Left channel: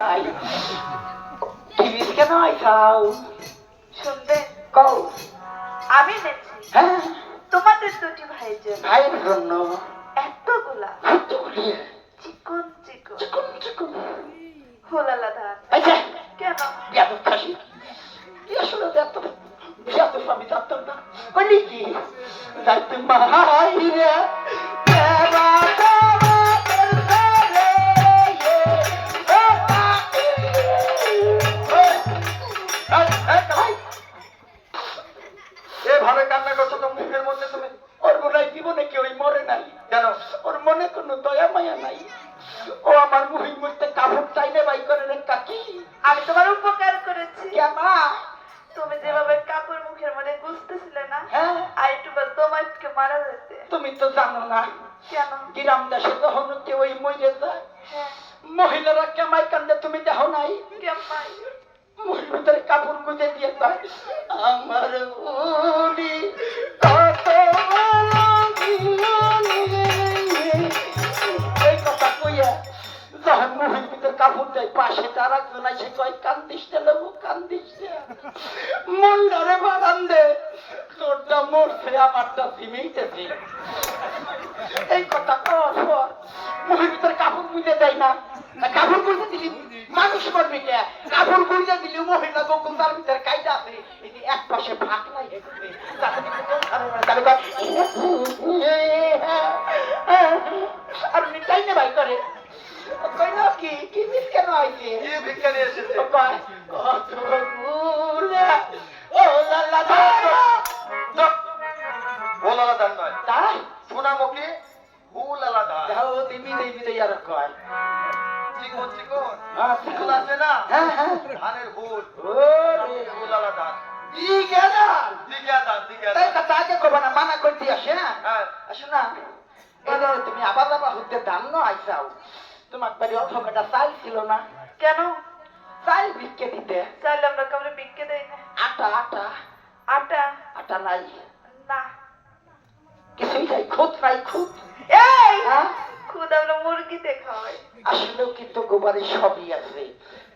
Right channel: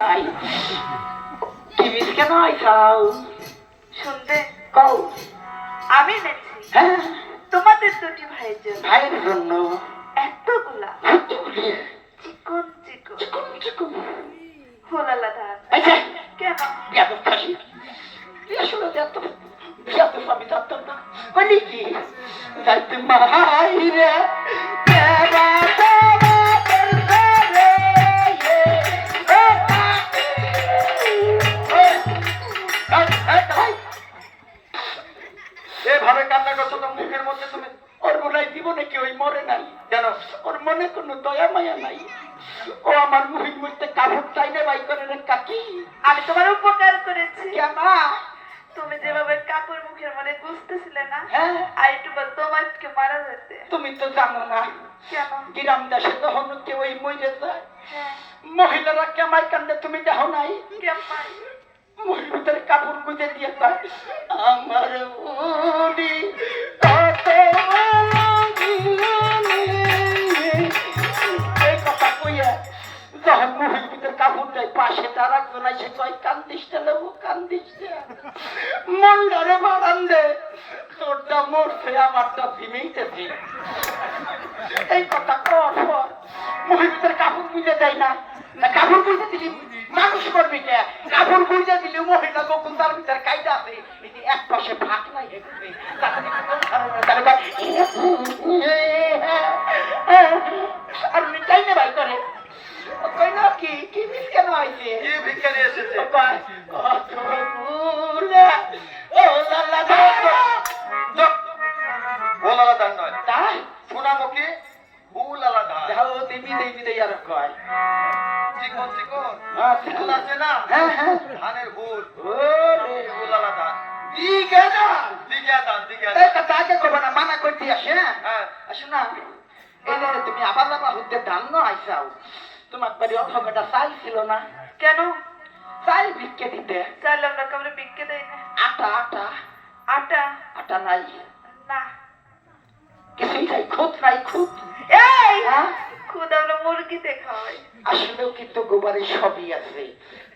Ay, কিবিস কেন আইসাও? শুনবে কও। আমি এনেছি হ্যাঁ, তোমাদের দুটি ভাইয়ের জন্য ভাইয়ের জন্য এতগুলা চিকন চিকন চিকুন হোলালা ধান। আচ্ছা, কেন? বিয়াত খাসি আসলে বিয়াত স্বামী থাকতাম না বলি কি যাইতে মাইরে তেরা ভাবে কান্না করছো তো মুখের মধ্যে তুমি ওর মনে হয় জীবনে কেউই মরে নাই জানো ওর মনে কোনো দয়া মায়া নাই ও আমার মুহির মধ্যে কাপড় চাইনে বাই করে রে কাকি আমি তোমার উপকার করেছি। কেমা তুমি যেভাবে কাপড় মুখের মধ্যে গুছতেছিলে না, হ্যাঁ আর একটু বল তোমাকে মারা যেতে। তুমি তো জানো না কেন? গ্রাম দেশে কখনো কেউ ওই মরে যায় হ্যাঁ, মহিলারা কেমাই কান্দে তুমি দেখো নাই কেমন? মুহির ভিতরে কাপড় গুঁজে দিয়ে কয় আমার উনি কত এই কথা কইয়া যখন মুহির ভিতরে কাপড় দেয় পাশে তার একজন এসে কয় কান্দিস না লোক কান্দিস না মন্ডারে বাড়ান দে তোরটা মরছে আমারটা ঝিমিতেছে এই কথা কর মুহির ভিতরে কাপড় গুঁজে দেয় না কাপড় গুঁজে দিলি মানুষ করবি কে কাপড় গুঁজে দিলি মহিলা গোকুল তার ভিতরে কাইটা আছে এক পাশে ফাঁক নাই আর মিটাই না ভাই করে কি কি কেন আইছে কি ভিক্ষা নিয়ে এসেছে? ভোলালা দান নয়, সোনামুখী ভুলালা দান। চিকন চিকন ফুল আছে না, ধানের ফুল, ভুলালা দান। দিঘা দান, দিঘা দান। মানা করতে আসে হ্যাঁ, আসো না তুমি আবার বাবা হতে ধান আইসাও তোমার বাড়ি অথবাটা চাল ছিল না কেন? চাল ভিক্ষে দিতে চাইলে আমরা কাউরে বিক্রি দেই না। আটা আটা আটা আটা নাই না। কিছুই নাই খুদ নাই খুদ এই হ্যাঁ খুদ আমরা মুরগিতে খাওয়াই। আসলেও কিন্তু গোবারে সবই আছে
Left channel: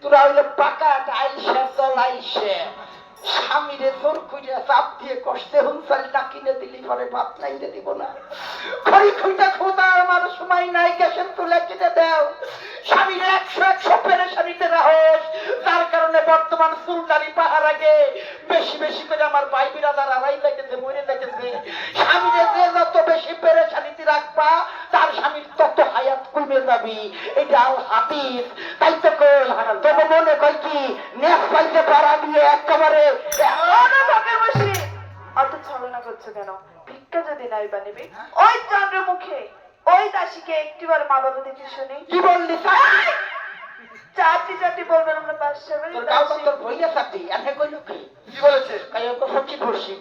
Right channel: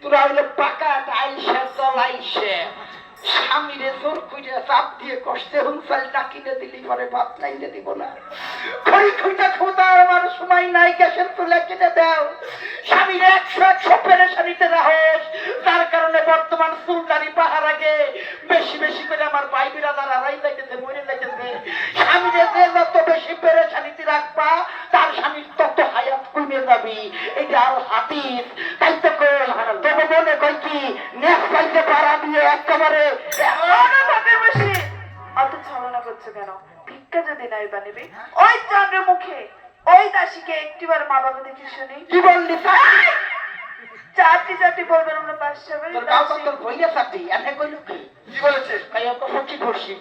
তোরা হইলে পাকা আইসা চলাইছে স্বামীরে জোর করে চাপ দিয়ে কষ্টে হুমসাল না কিনে দিলি পরে ভাত নাইলে দিব না খড়ি খুঁটা খোদা আমার সময় নাই গ্যাসের চুলা কিনে দাও স্বামীর 100 পেরেশানিতে রাহস তার কারণে বর্তমান চুলদারি পাহাড় আগে বেশি বেশি করে আমার ভাই বিরাদার আড়াই লাগেছে মরে লাগেছে স্বামীরে যে যত বেশি পেরেশানিতে রাখবা তার স্বামীর তত হায়াত কমে যাবি এটা আল হাদিস তাই তো কই তবে মনে কই কি নেক পাইতে পারা দিয়ে একেবারে অত ছলনা করছো কেন? ভিক্ষা যদি নাই বানিবি ওই চন্দ্রের মুখে ওই দাসীকে একটিবার মা বাবা দেখে শুনি। কি বললি চারটি চারটি বলবেন আমরা বাদশা বাড়ির তোর কাউ দাসী। তোর ভইয়া থাকতি এনে কইল কি কি বলেছে? তাই ওকে সত্যি করছি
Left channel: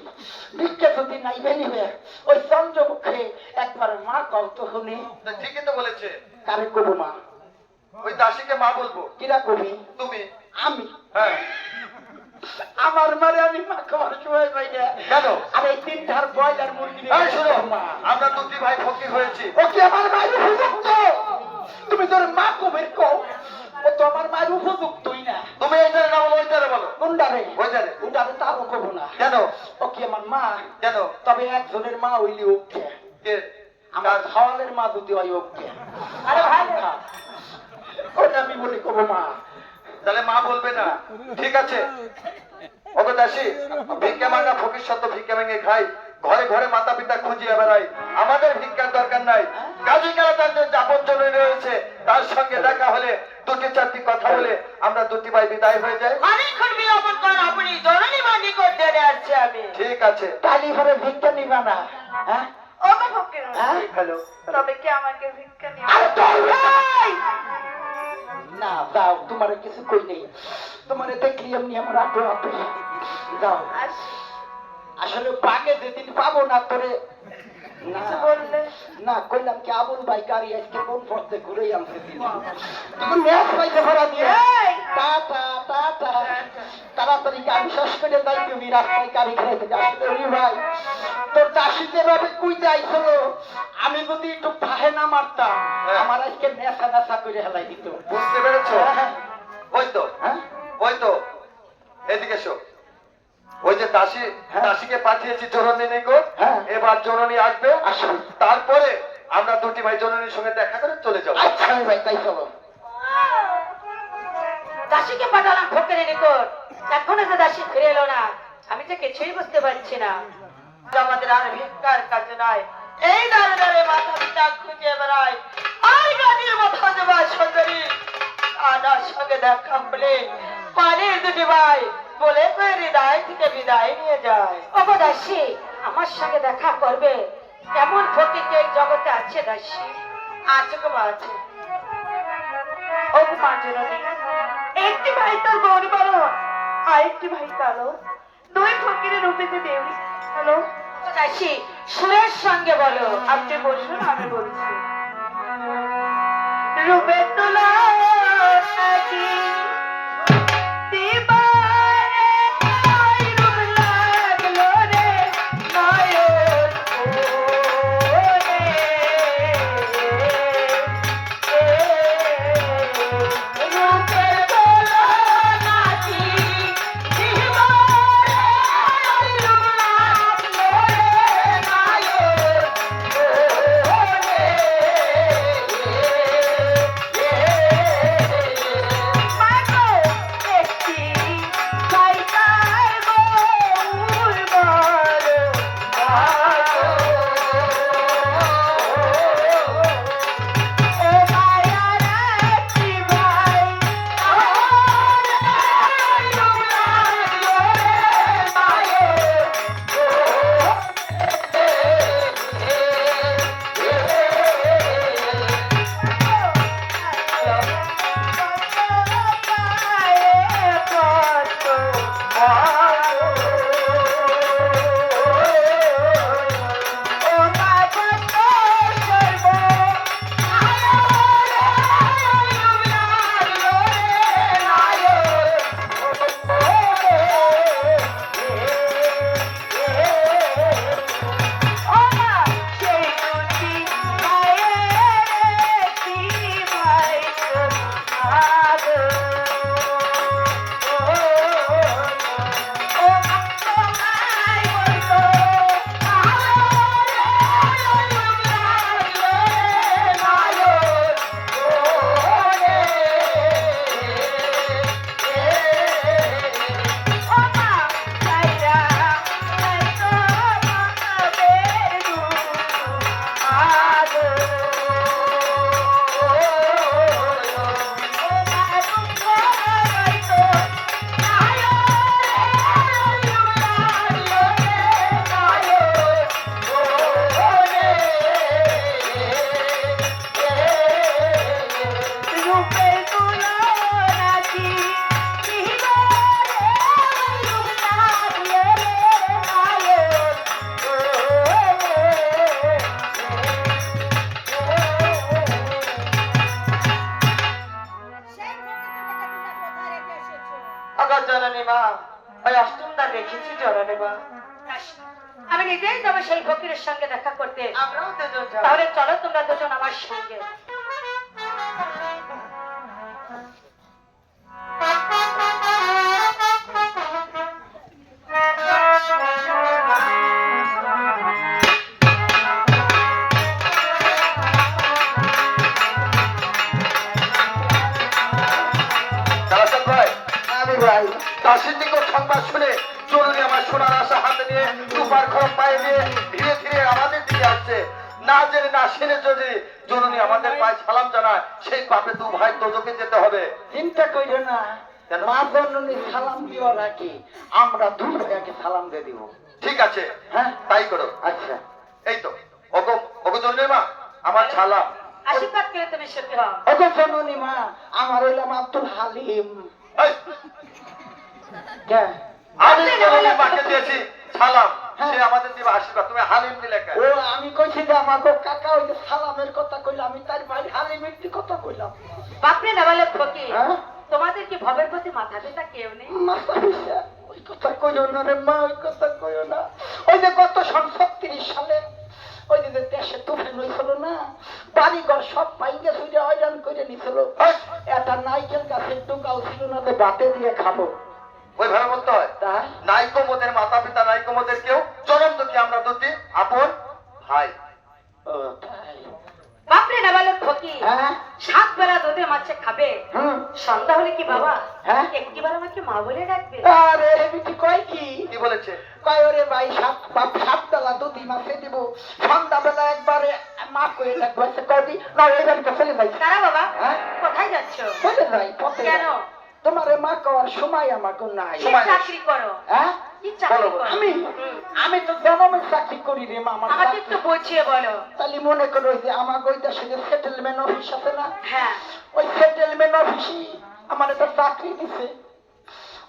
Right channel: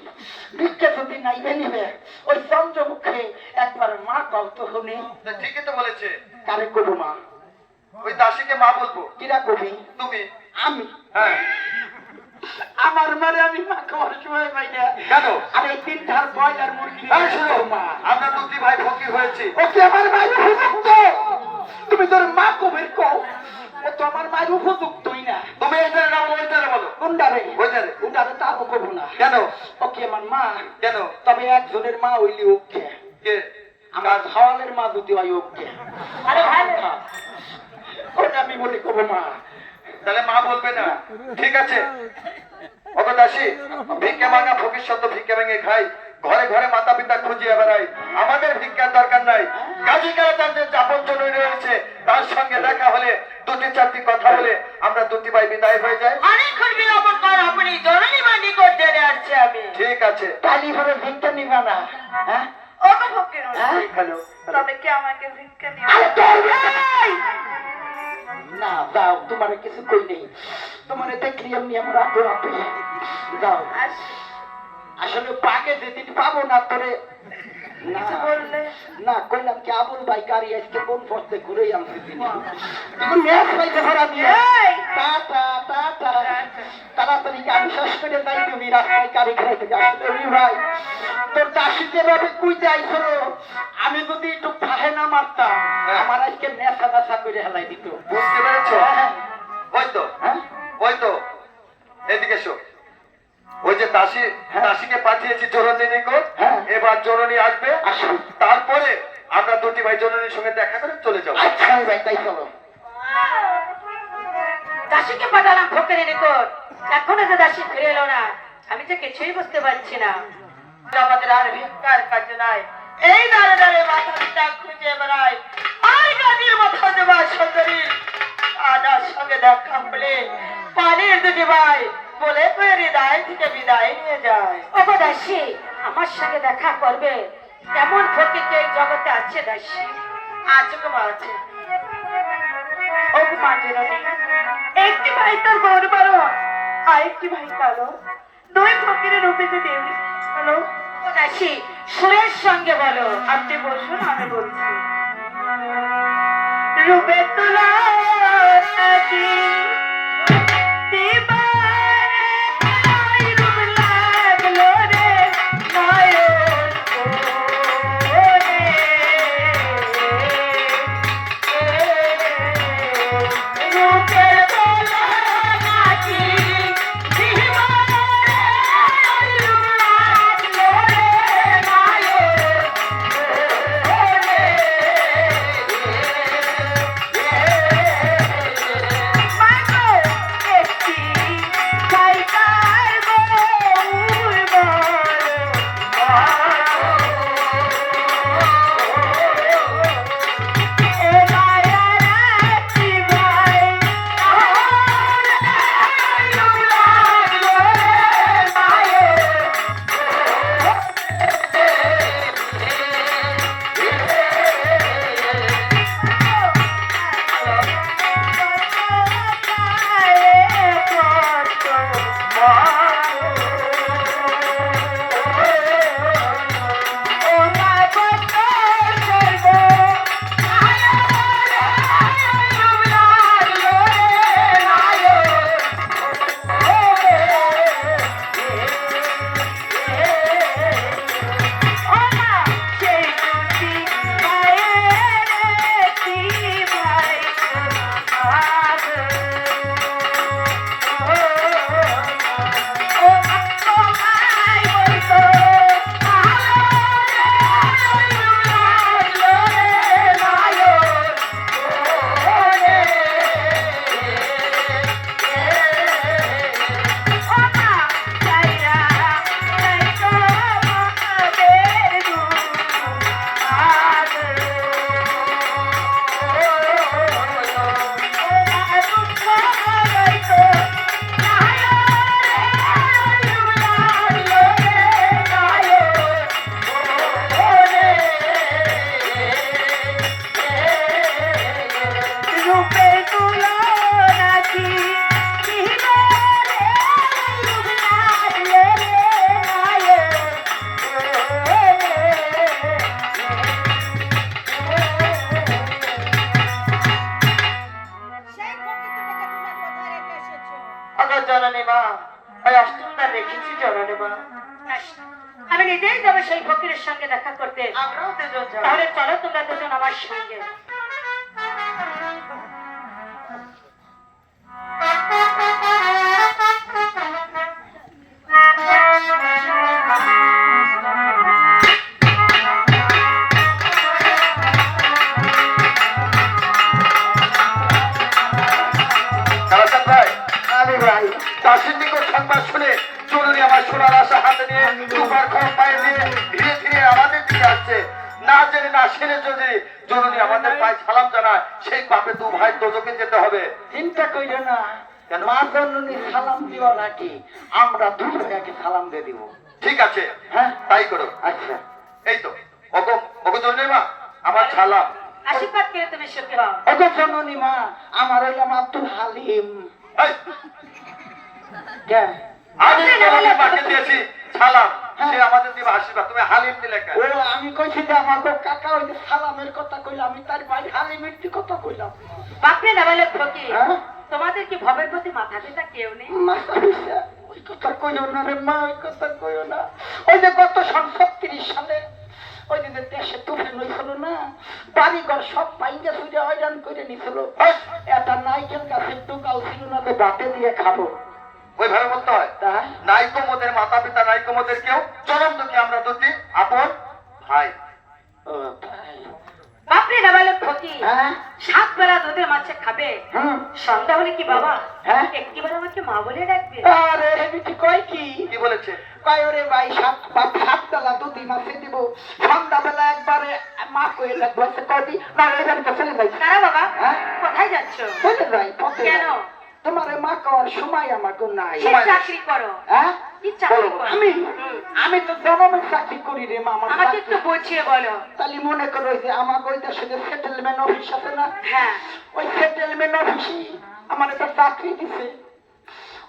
ভিক্ষা যদি নাই বেনিবে ওই চন্দ্রমুখে একবার মা কল তো শুনি তা ঠিকই তো বলেছে। কারে কবু মা ওই দাসীকে মা বলবো। কিরা কবি তুমি? আমি হ্যাঁ। আমার মারে আমি মা খাওয়ার সময় পাই না কেন? আর এই 3টার ব্রয়লার মুরগি এই শোনো, মা আমরা দুটি ভাই ফকির হয়েছি। ওকে আমার মায়ের উপযুক্ত তুমি তোর মা কবের কও ও তো আমার মায়ের উপযুক্তই না তুমি এইটারে না বলো, ওইটারে বলো। কোনটারে ওইটারে। ওটারে তারও কবো না কেন? ওকে আমার মা কেন? তবে একজনের মা হইলি ওকে কে? আমার খাওয়ালের মা যদি হয় ওকে আরে ভাই ওটা আমি বলি কবো মা তাহলে মা বলবে না? ঠিক আছে। ওকে দাসী, ভিক্ষা মাঙ্গা ফকির শব্দ ভিক্ষা ভেঙে খাই, ঘরে ঘরে মাতা পিতা খুঁজিয়ে বেড়াই, আমাদের ভিক্ষার দরকার নাই। গাজী কারাচান্দের যাপন জরুরি রয়েছে, তার সঙ্গে দেখা হলে দুটি চারটি কথা বলে আমরা দুটি ভাই বিদায় হয়ে যাই। অনেকক্ষণ বিলম্ব কর, আপনি জরুরি মানি করতে আসছে আমি। ঠিক আছে। তালি ভরে ভিক্ষা নিবা না হ্যাঁ ও তো ফকির হ্যাঁ হ্যালো। তবে কি আমাকে ভিক্ষা দিবে? আরে তোর ভাই! না যাও তোমার কিছু কই নেই তোমার দেখলি এমনি আমার আপে আপে যাও আসলে পাকে যেদিন পাবো না তোরে না বললে না কইলাম কি আবুল ভাই গাড়ি আজকে কোন পথে ঘুরে আনছে তুমি নেট পাইতে ভরা দিয়ে টাটা টাটা তাড়াতাড়ি গাড়ি শেষ করে যাই তুমি রাস্তায় গাড়ি খাইতে যাচ্ছি ভাই তোর দাসী যেভাবে কুইতে আইছিল আমি যদি একটু ফাহে না মারতাম আমার আজকে নেশা নেশা করে হেলাই দিত বুঝতে পেরেছো? ওই তো এদিকে এসো। ওই যে দাসীকে পাঠিয়েছি জননী নিকট, হ্যাঁ। এবার জননী আসবে, আসুন। তারপরে আমরা দুটি ভাই জননীর সঙ্গে দেখা করে চলে যাবো। আচ্ছা ভাই তাই চলো। দাসীকে পাঠালাম ফকিরের নিকট, এখনো তো দাসী ফিরে এলো না। আমি তো কিছুই বুঝতে পারছি না। আমাদের আর ভিক্ষার কাছে নাই, এই দাঁড়ে দাঁড়ে মাথা পিতা খুঁজে বেড়ায়। আর গাড়ির মাথা দেবা সুন্দরী আনার সঙ্গে দেখা হলে পানির দুটি ভাই বলে করে হৃদয় থেকে বিদায় নিয়ে যায়। ওগো দাসী, আমার সঙ্গে দেখা করবে? কেমন ফকির এই জগতে আছে দাসী? আছে গো মা, আছে। ও মা জননী, একটি ভাই তার মন বড়, আর একটি ভাই কালো, দুই ফকিরের রূপেতে দেবী। হ্যালো ওগো দাসী, সুরের সঙ্গে বলো। আপনি বসুন, আমি বলছি। রূপে তোলা আছি দিবায় রূপ লাগলো রে নয়ন ওরে। রূপে তোলা আছি দিবায় রূপ লাগলো রে নয়ন জননী মা, ওই অষ্টমটা দেখেছি জননী মা। আমি নিজেই যাবো সেই ফকিরের সঙ্গে দেখা করতে। আমরাও দুজন যাব। তাহলে চলো তোমরা দুজন আমার সঙ্গে। কালাচাঁদ ভাই, আরে ভাই দাসীর নিকট সংবাদ শুনে জননী আমার সোনার আশা হাতে নিয়ে দুপার খড় পায়ে দিয়ে ধীরে ধীরে আমাদের দিকে আসছে। না জেনে না শুনে যদি জননী আমাদের পায়ে সালাম জানায়, সেই পাপে দু ভাই দোজকে যেতে হবে। চিন্তা কইরো না, কেন? মা জননী সালাম দিওয়ার আগে আমরা দুই ভাইয়াকে সালাম দিয়ে দিব। ঠিক আছে, হ্যাঁ তাই করো। আচ্ছা এই তো ওগো ওগো জননী মা, আমার সালাম। আশীর্বাদ করে তুমি সুখী হও। ওগো জননী মা, আমার হইলাম আব্দুল হালিম। এই, কে? আমি জননী মাকে দিয়েছি সালাম, সে আমাদের দিবে আশীর্বাদ, তুমি হালিম দিলে কেন? ও আমি কইছি যে আমাকে কাকা ওই যে সালামের কথা কইলাম, আমি তার ভাই হালিমের কি কথা কইলাম। বাপরে না বলে ফকির, হ্যাঁ? তোমাদের কি ভবের প্রতি মাথা পিতা কেউ নেই? মাথা পিছা, ওই কথা কইও না রে মা, ওই কথা কইও না। ওই যে গত 37 সালে ওই যে দেশে তুফান হয়েছিল না, বাড়িঘর সব পাইঙ্গে সুইজে হয়রান করে নিছিল। একটা নাইকেল গাছের টুকাও ছিল না, তো বাতে দিয়ে খাবো। ওইভাবে বলতে হয়। তাই নাইকো মোদের মাতা পিতা, নাইকো মোদের কেউ, জনম দুঃখী আমরা দুটি আপন ভাই। ও তাই। বাপরে না বলে ফকি, হ্যাঁ 7 বেলা দুধের মাছে খাবে, হুম সন্ধ্যা হলে কি বাবা হ্যাঁ একটিবার আমাকে মা বলে ডাকবে? আরে হেবিটি কয় কি কি বলেছে? কয় ওরে ভাই 7 বেলা দুধি মাছে দিব, সন্ধ্যাবেলা একবারে মা কয়ে ডাকবো। আচ্ছা কয়টি না এখানে চলে যাই, তারা বাবা হ্যাঁ? কোথায় যাচ্ছ? চলে যাই পথে কেন? যাই। তোমারে মা কওয়ার সময় আমাকে নাই। কি চাকরি করো? হ্যাঁ কি চাকরি বলো, করো? আমি আমি তো জনমের চাকরি করি রে মা। আমার আমাকে একটু বুঝিয়ে বলো। তাহলে মনে করো যে আমার ওই দেশে সেটেলমেন্ট অফিস আছে না, হ্যাঁ ওই সেটেলমেন্ট অফিসে আমার একটা চাকরি দিছে।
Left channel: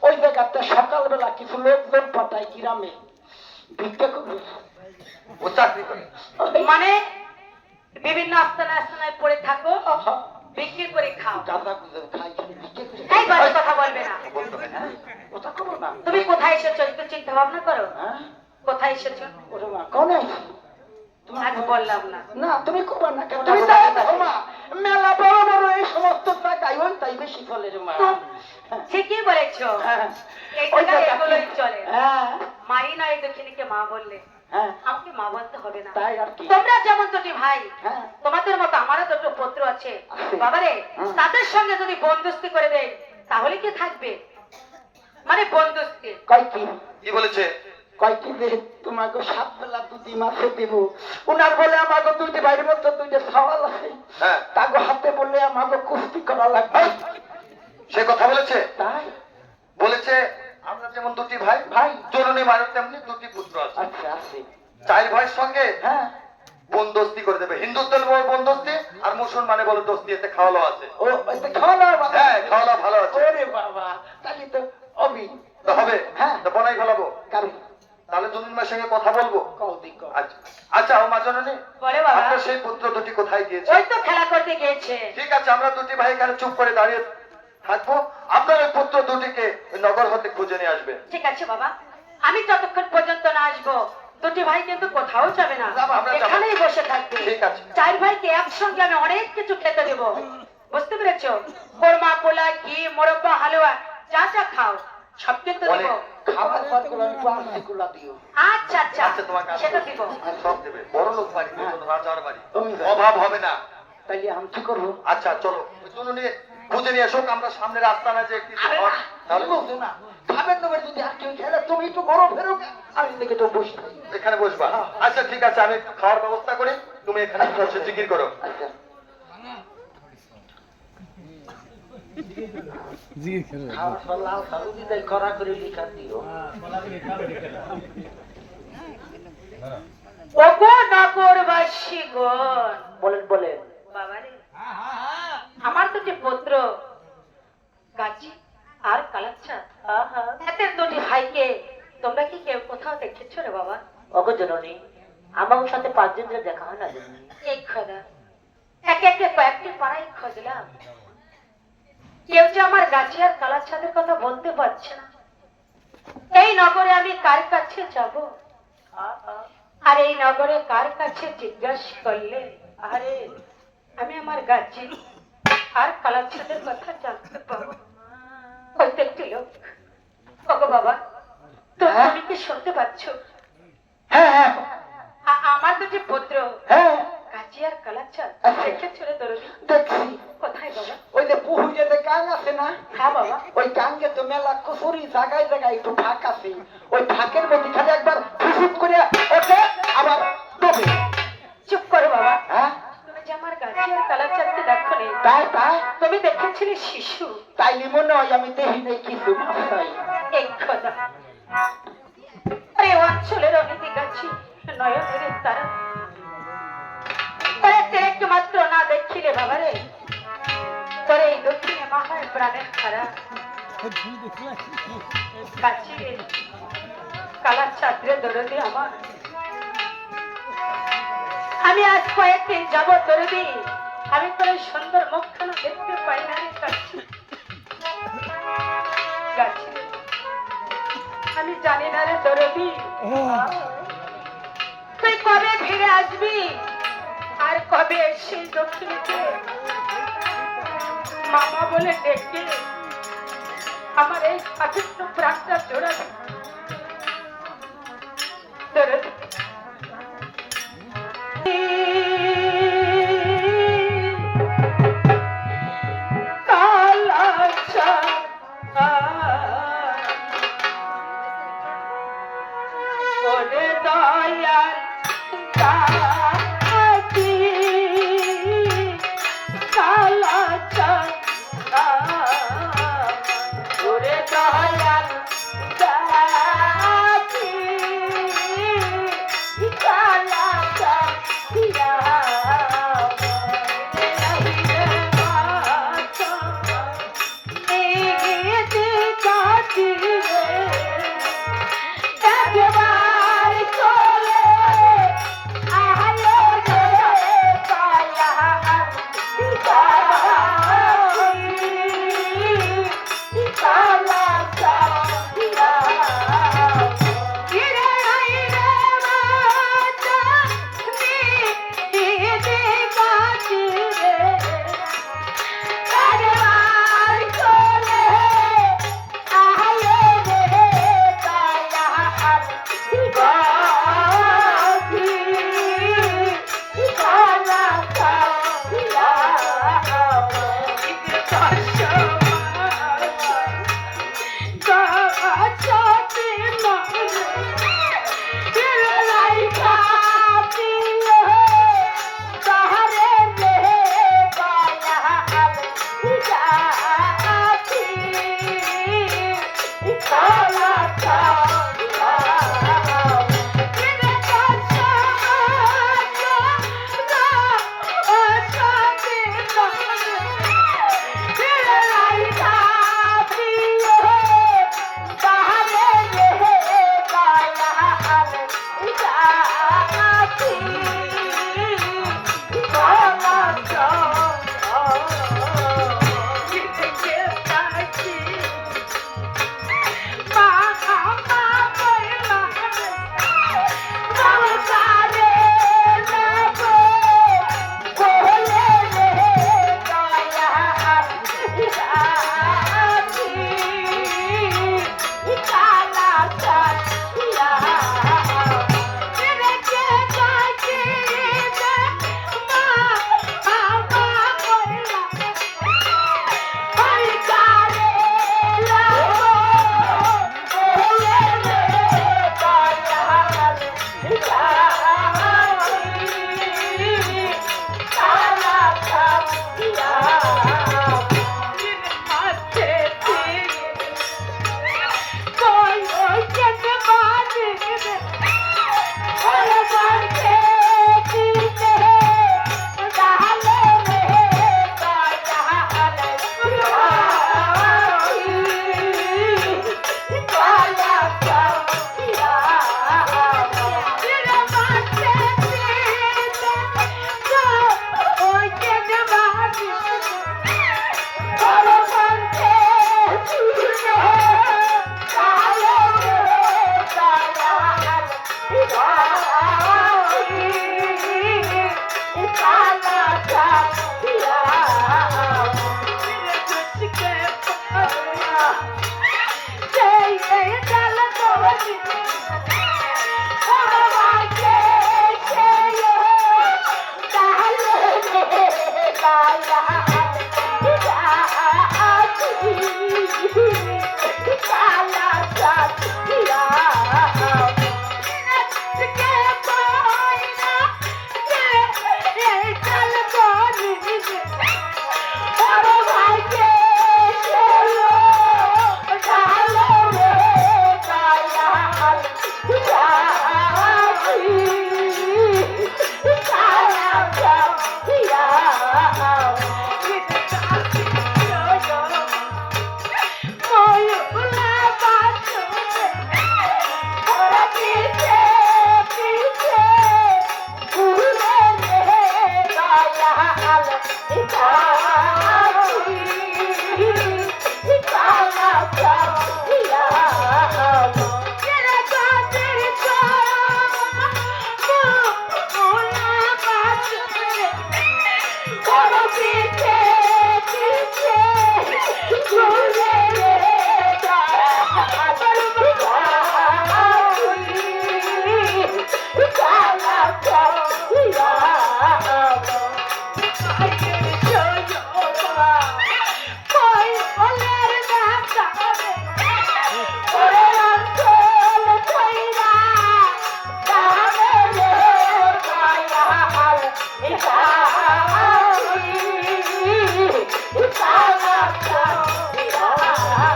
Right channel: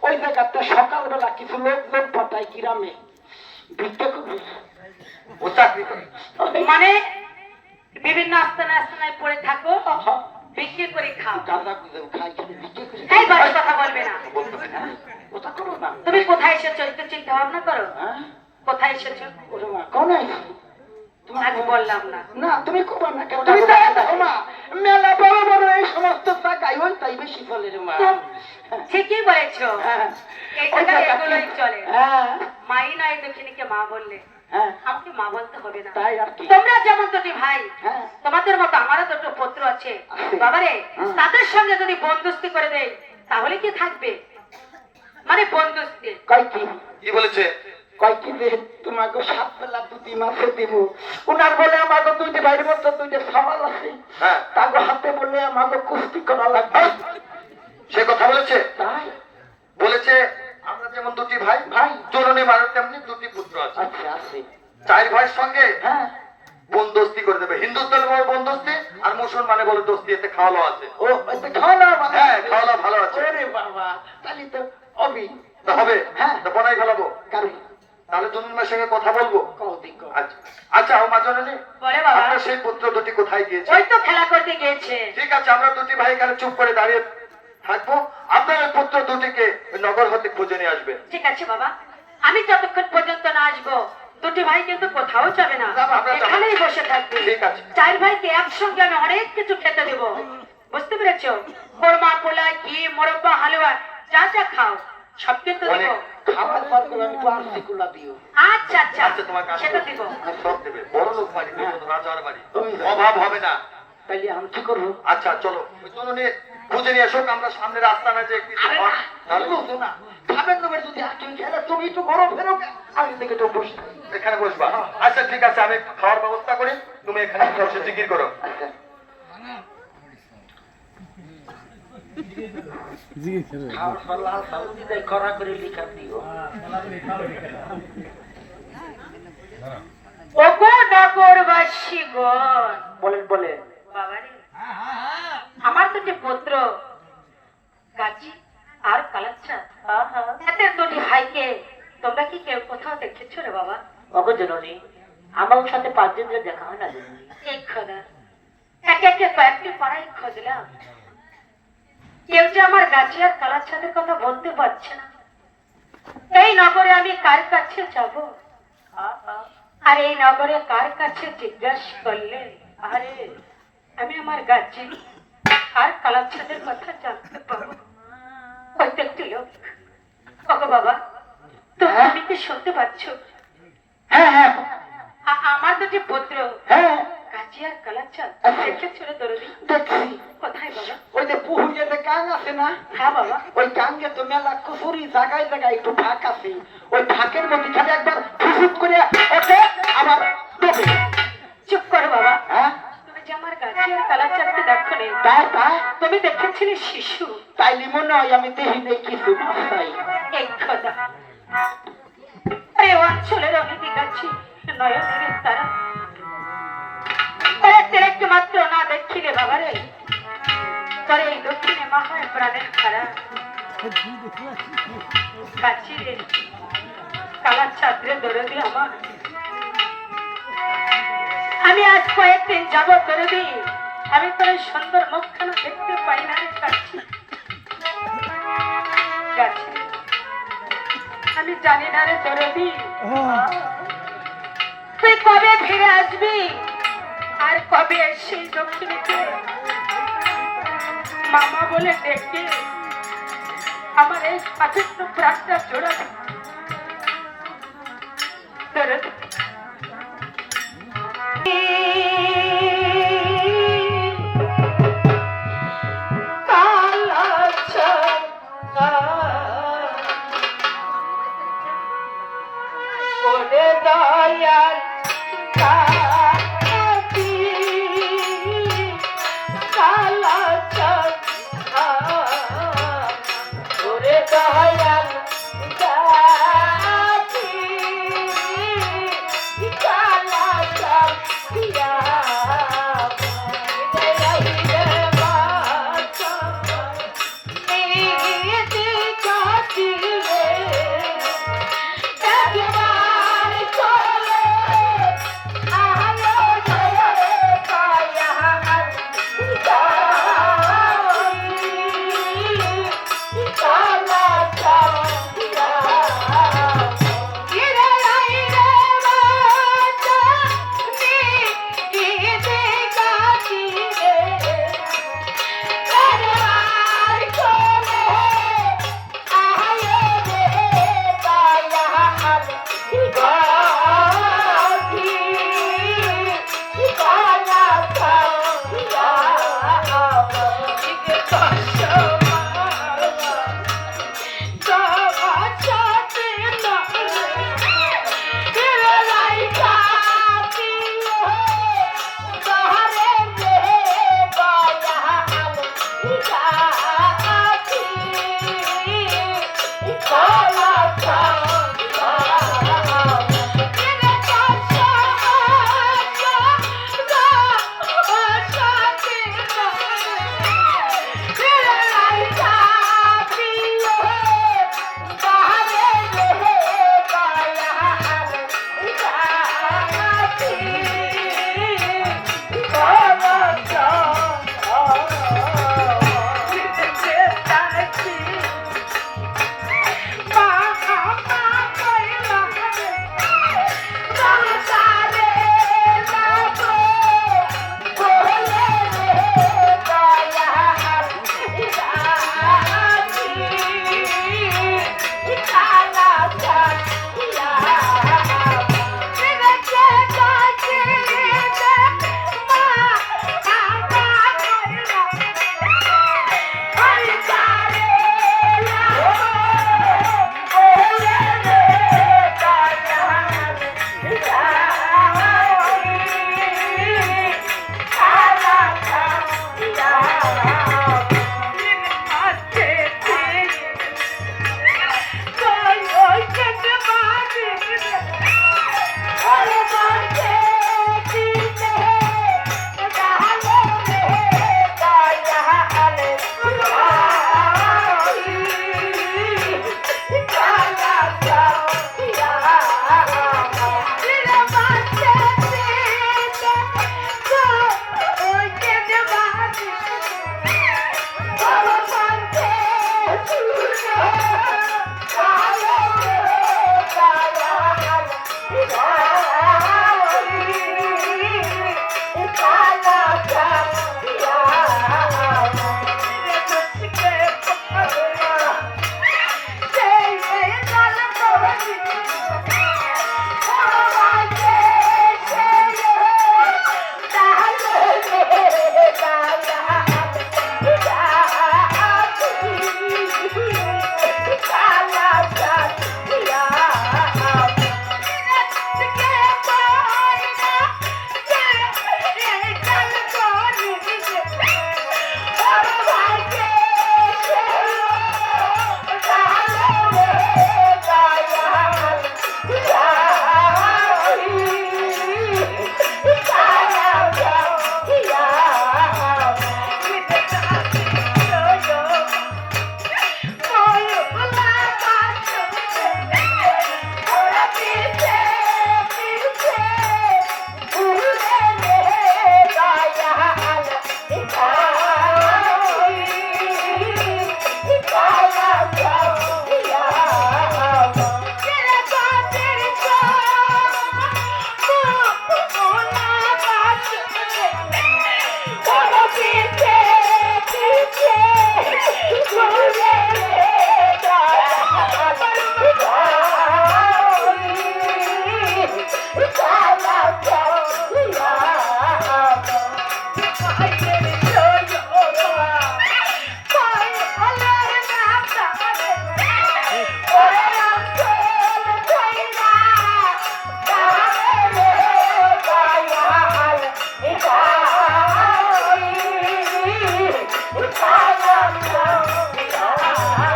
ওই জায়গাতে সকালবেলা কিছু লোকজন পাঠায় গ্রামে ভিক্ষা করে। ও চাকরি করে? মানে বিভিন্ন আস্তানায় আস্তানায় পড়ে থাকো, বিক্রি করে খাও। গাঁজা গুজে খাই খালি ভিক্ষা করে। এই বাজে কথা বলবে না। বলতে হয়। হ্যাঁ, কথা করো না। তুমি কোথায় এসেছো একটু চিন্তা ভাবনা করো। হ্যাঁ কোথায় এসেছো? ওরে মা কোন আইছি? আজ বললাম না। না তুমি কবা না কেন? তুমি তো দেখো মা, মেলা বড় বড় এই সমস্ত জায়গায় ওই তাই বেশি চলে রে মা। ঠিকই বলেছো, হ্যাঁ এই ওই জায়গায় জায়গাতে- এগুলোই চলে। হ্যাঁ মাই নয় দক্ষিণীকে মা বললে, হ্যাঁ আমাকে মা বলতে হবে না। তাই আর কি। তোমরা যেমন দুটি ভাই, হ্যাঁ তোমাদের মতো আমারও দুটো পুত্র আছে। আছে। বাবারে হুম। তাদের সঙ্গে যদি বন্ধুস্তি করে দেয় তাহলে কি থাকবে? মানে বন্ধুস্তি। কয় কি কি বলেছে? কয় কি যে তোমাকে 7 বেলা দুটি মাছে দিব। উনার বলে আমাকে দুইটি বাইরের মতো দুইটা সওয়াল আছে, হ্যাঁ তাকে হাতে বলে আমাকে কুস্তি করা লাগবে। সে কথা বলেছে? তাই বলেছে আমরা যেমন দুটি ভাই, ভাই জননী মায়ের তেমনি দুটি পুত্র আছে। আচ্ছা আছে। 4 ভাইয়ের সঙ্গে হ্যাঁ বন্দোস্তি করে দেবে। হিন্দুত্বের বলে বন্দোস্তি, আর মুসলমানে বলে দোস্তি। এতে খাওয়া দাওয়া আছে। ও ওইটা খাওয়া দাওয়া ভালো। হ্যাঁ খাওয়া দাওয়া ভালো আছে। ওরে বাবা তাহলে তো অবি তো হবে? হ্যাঁ। তো বনাই ফেলাবো। কারণ তাহলে জননী মায়ের সঙ্গে কথা বলবো। কও দিক আচ্ছা আচ্ছা, ও মা জননী, বলে বাবা আপনার সেই পুত্র দুটি কোথায় গিয়েছে? ওই তো খেলা করতে গিয়েছে। ঠিক আছে, আমরা দুটি ভাই এখানে চুপ করে দাঁড়িয়ে থাকবো। আপনার ওই পুত্র দুটিকে ওই নগর হতে খুঁজে নিয়ে আসবেন। ঠিক আছে বাবা, আমি যতক্ষণ পর্যন্ত না আসবো দুটি ভাই কিন্তু কোথাও যাবে না, যাবো, আমরা যাবো। এখানেই বসে থাকবে। ঠিক আছে। 4 ভাইকে একসঙ্গে আমি অনেক কিছু খেতে দেবো, বুঝতে পেরেছো? কোরমা, পোলাও, ঘি, মোরব্বা, হালুয়া, যা যা খাও সব কিন্তু দেবো। খাবার পর করে একটু আস্তে কুলা দিও। আচ্ছা আচ্ছা আচ্ছা, তোমার কাজ সেটা করো। দিব। আর সব দেবে। বড় লোক বাড়ি, হ্যাঁ। রাজার বাড়ি, তুমি যাও। অভাব হবে না। তাইলে আমি কি করবো? আচ্ছা চলো, ওই জননী খুঁজে নিয়ে আসুক। আমরা সামনের রাস্তা না যে একটি আরে ঘর, না, তাহলে বুঝো না। খাবেন নবের যদি আর কেউ খেলে তুমি একটু গরম ফেরো, আমি দেখে তো বসে থাকি। এখানে বসবা। আচ্ছা ঠিক আছে, আমি একটু খাওয়ার ব্যবস্থা করি, তুমি এখানে বসে জিকির করো। আচ্ছা খাওয়ার পর লাল সালু দিলে কড়া করে লিখা দিও। ওগো নগরবাসীগণ, বলেন বলেন। বাবারে আমার দুটি পুত্র গাছি আর কালাচ্ছা, এদের দুটি ভাইকে তোমরা কি কেউ কোথাও দেখেছো রে বাবা? ওগো জননী, আমার সাথে 5 দিন ধরে দেখা হয় না জননী। এই খোদা, একে একে কয়েকটি পাড়ায় খুঁজলাম, কেউ যে আমার গাছি আর কালাচ্ছাদের কথা বলতে পারছে না। এই নগরে আমি কার কাছে যাব? আর এই নগরে কার কাছে জিজ্ঞাসা করলে আরে আমি আমার গাছি আর কালাচ্ছাদের কথা জানতে পাবো? হয়তো একটি লোক। ওগো বাবা, তুমি কি শুনতে পাচ্ছ? হ্যাঁ হ্যাঁ আমার দুটি পুত্র হ্যাঁ গাছি আর কালাচ্ছাদ আচ্ছা। দেখেছো রে দরদি? দেখছি। কোথায় বাবা? ওই যে পুহুজে যে কাং আছে না, হ্যাঁ বাবা, ওই কাঙ্গে তো মেলা কুসুরি জায়গায় জায়গায় একটু ফাঁক আছে। ওই ফাঁকের মধ্যে খালি একবার ফুসুত করে ওঠে আবার ডোবে। চুপ করো বাবা। হ্যাঁ তুমি যে আমার গাছি আর কালাচ্ছাদকে দেখো নি, তাই তাই তুমি দেখেছিলে শিশু। তাইলে মনে হয় আমি দেখি নেই কিছু মাস্টাই। এই খোদা, আরে অঞ্চলের অনিতি গাছি নয়নের তারা একটু মাত্র না দেখিলে বাবারে তোর এই দক্ষিণে মাহায় প্রাণের খারা গাছি কালাচ্ছাদরে দরদি আমার। আমি আজ কয়েকদিন যাব দরদি, আমি তোর এই সুন্দর মুখখানা দেখতে পাই না রে গাছি। গাছি আমি জানি না রে দরদি, তুই কবে ফিরে আসবি আর কবে এসে লক্ষ্মীকে মামা বলে ডেকে আমার এই কাঠের প্রাণটা জোড়াবে ধরে দয়াল কাটি কালা চাঁদ ওরে দয়াল কাটি কালা চাঁদ দিয়া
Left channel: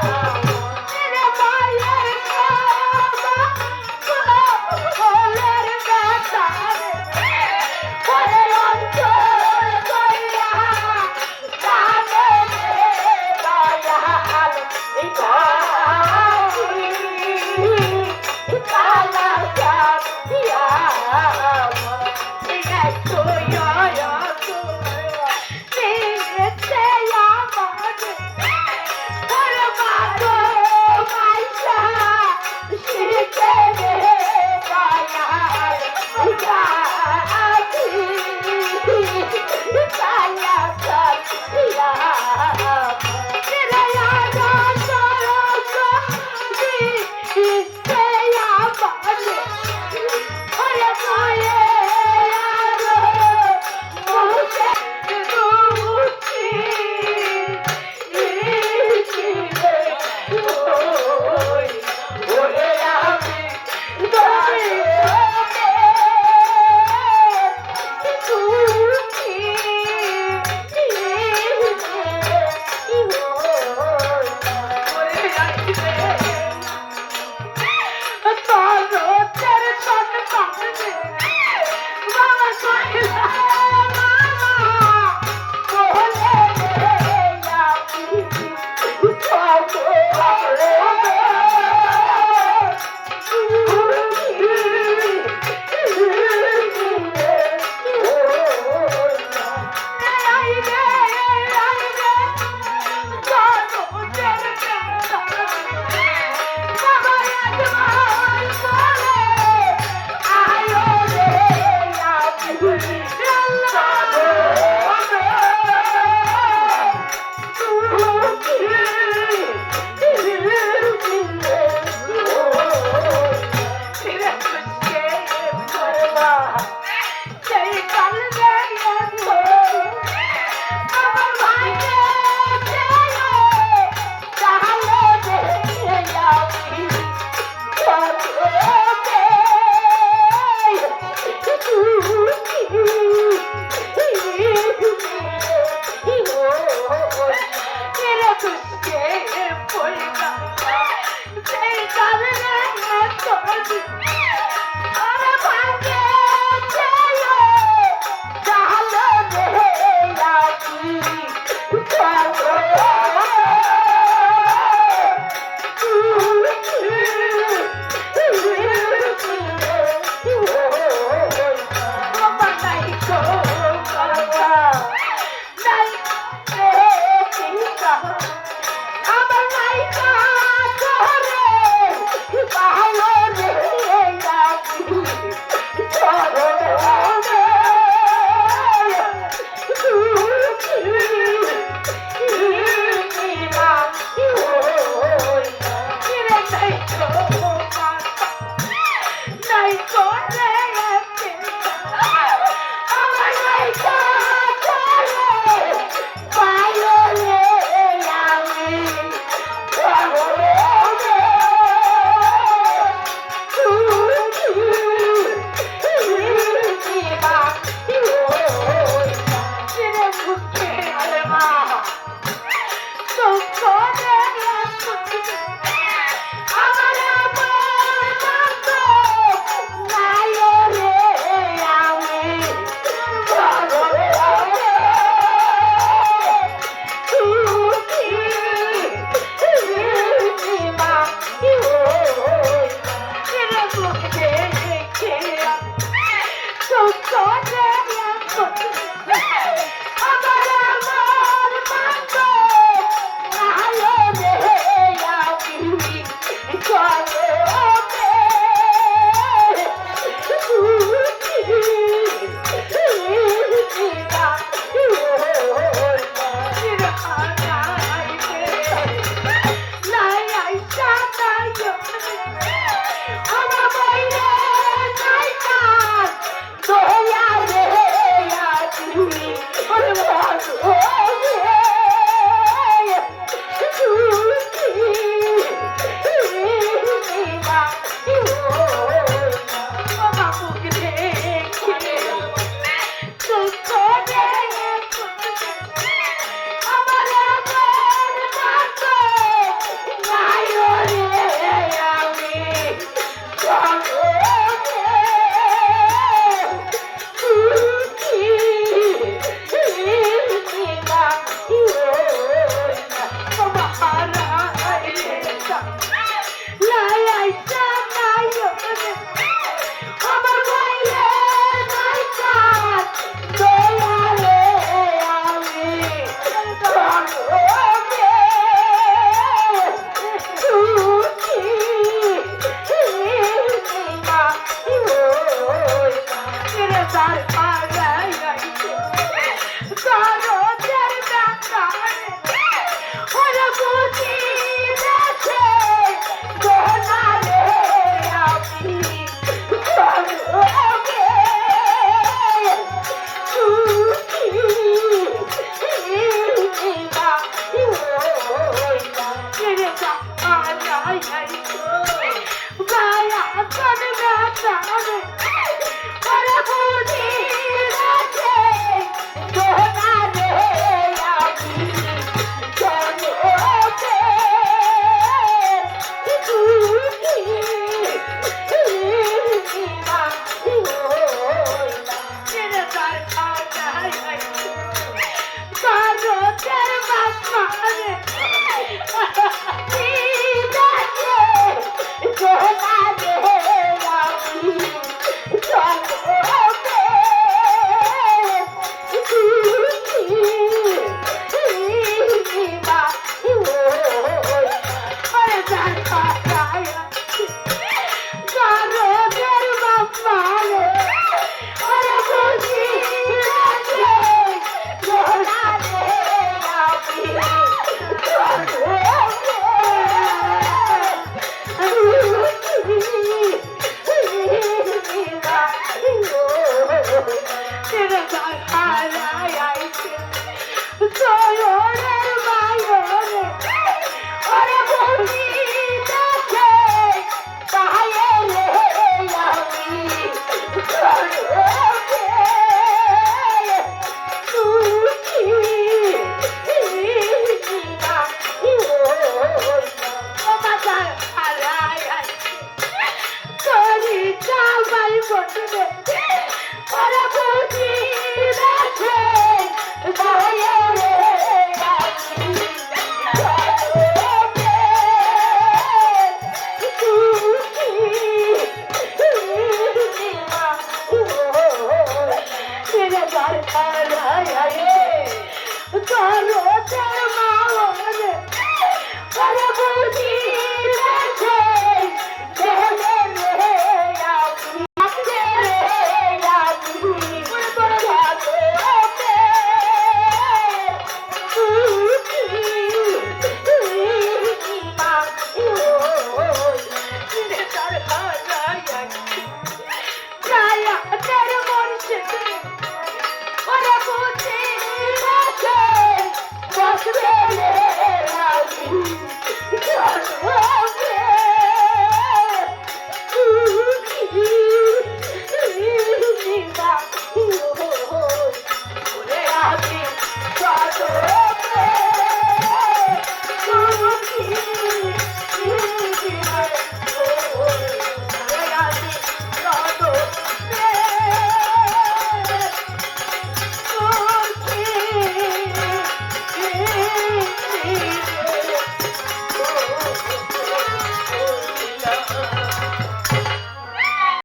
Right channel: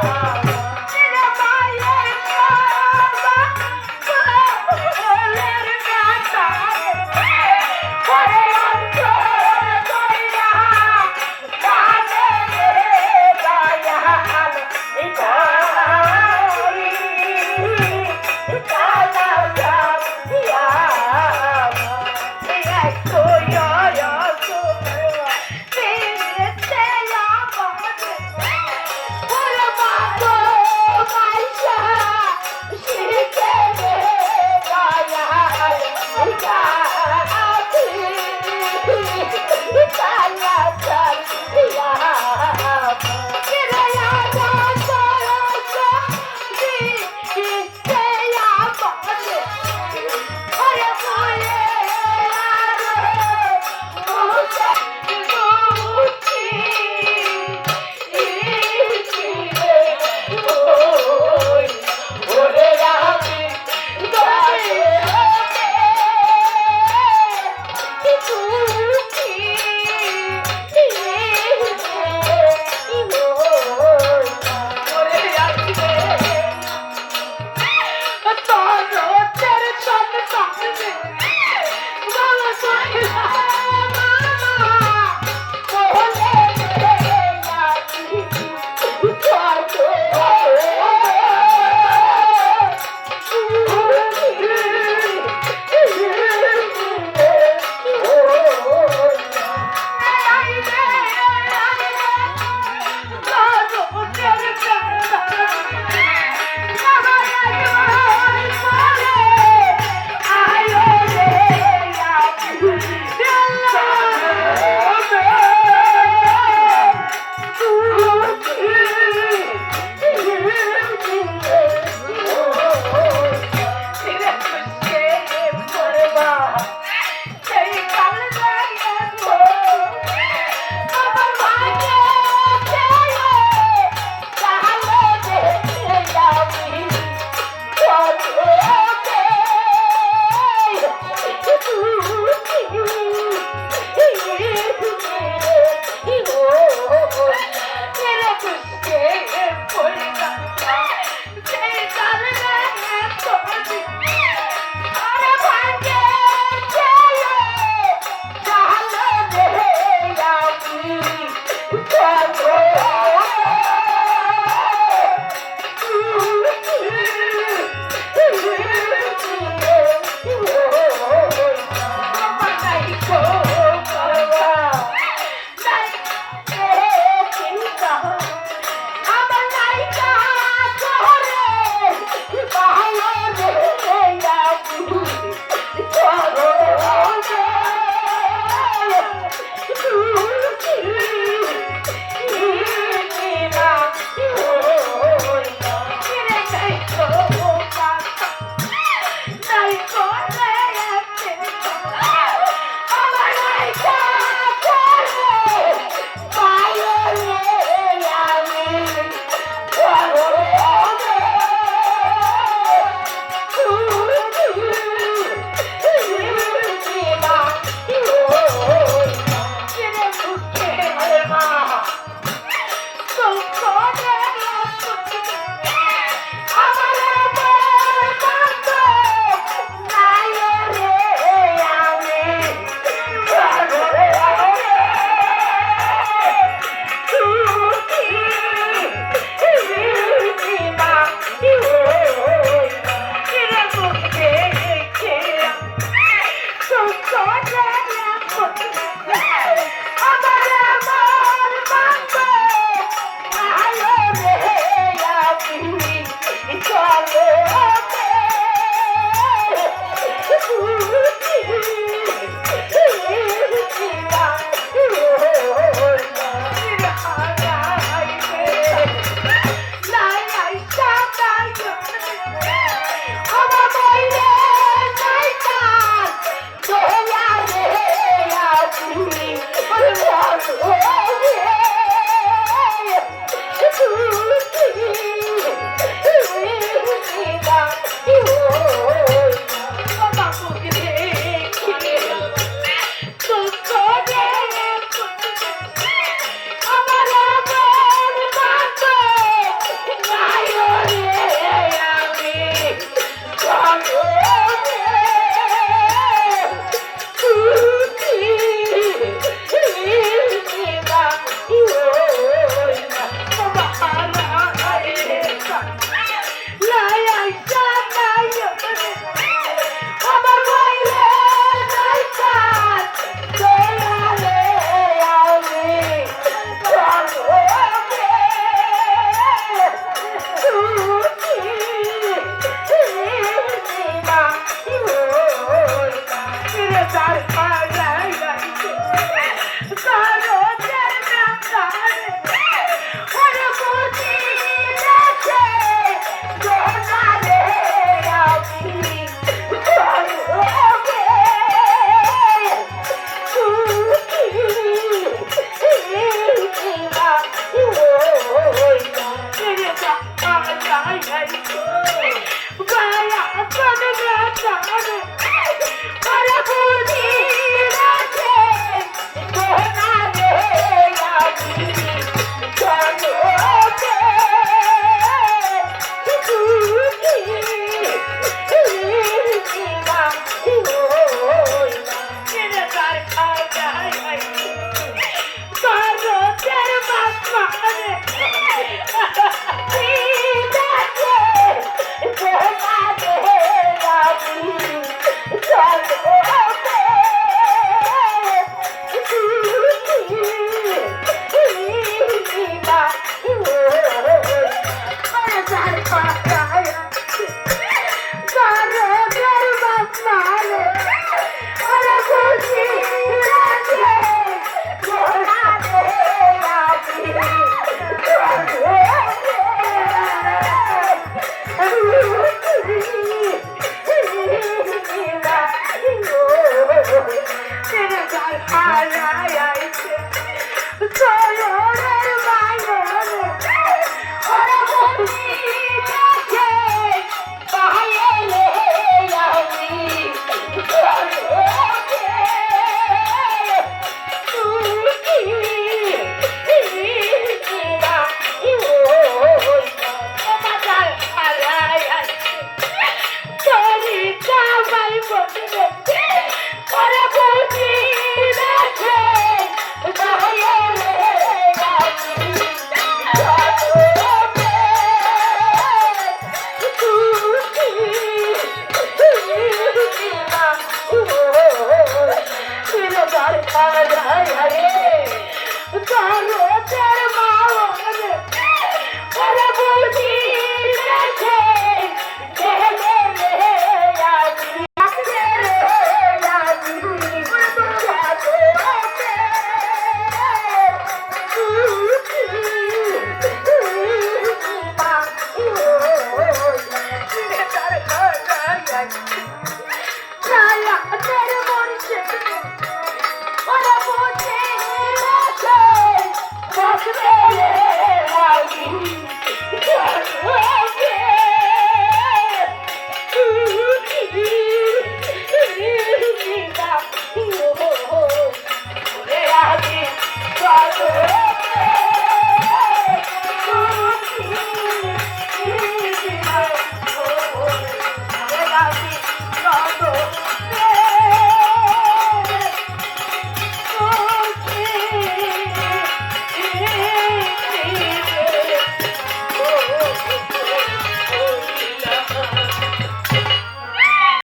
ও